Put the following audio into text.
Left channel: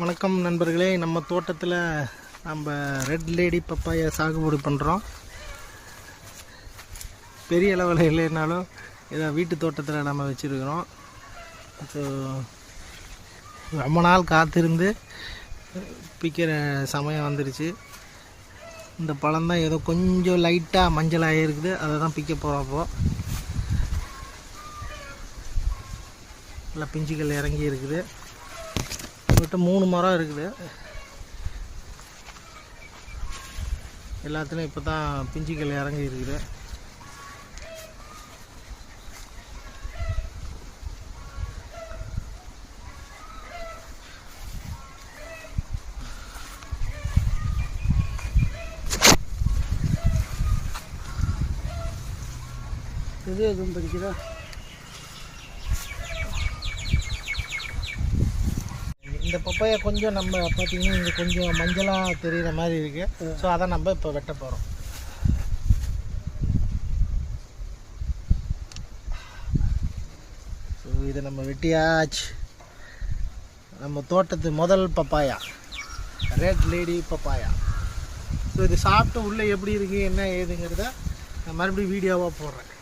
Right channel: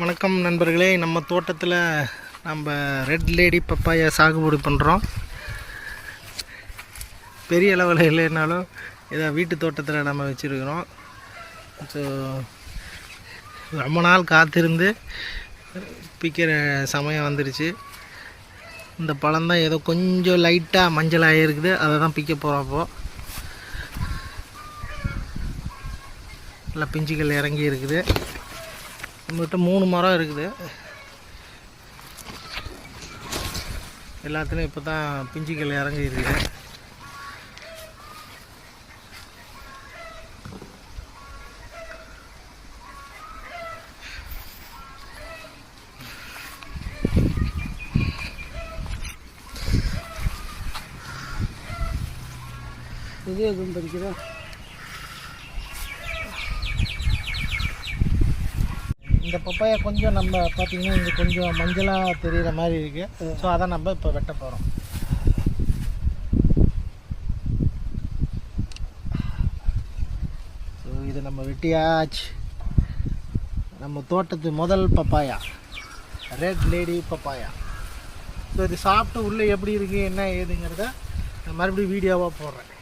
வணக்கம் நண்பர்களே, நம்ம தோட்டத்தில் நம்ம ரெட் லேடி பப்பாயா சாகுபடி பண்ணுறோம். பெரிய அளவில் இல்லைனாலும் இதை வீட்டு தோட்டத்தில் நம்ம வச்சுருக்கிறோம். ஸோ ரொம்ப நாள் காத்திருந்து பிக்கிற சமயம் வந்துடுச்சு. இந்த பழம்தான் ஏதோ கொஞ்சம் லைட்டாக மஞ்சளாக இருக்குது, அதை தான் பிக்க போகிறோம். அப்போது நல்லா பிஞ்சுகள் இறங்கி இருக்குது. உங்கள்கிட்ட 3 மரம் இருக்குது. எல்லாத்துலேயும் இப்போ தான் பிஞ்சுகள் இறங்கி இருக்குது. இது எதுவும் படிக்கிறா? இந்த பப்பாயா கொஞ்சம் நம்ம பார்த்திங்கன்னா இங்கே கொஞ்சம் மஞ்சளாக தெரிகிற மாதிரி இருக்குது. ஸோ அதை நம்ம இப்போ வெட்ட போகிறோம். ஸோ இதை நம்ம வெட்டியாச்சு. நம்ம தோட்டத்து முதல் papaya, red lady papaya. So இது சாப்பிட்டு உள்ளே எப்படி இருக்குது என்ன ஏதுங்கிறத நான் மறுபடியும் வீடியோவாக போடுறேன்.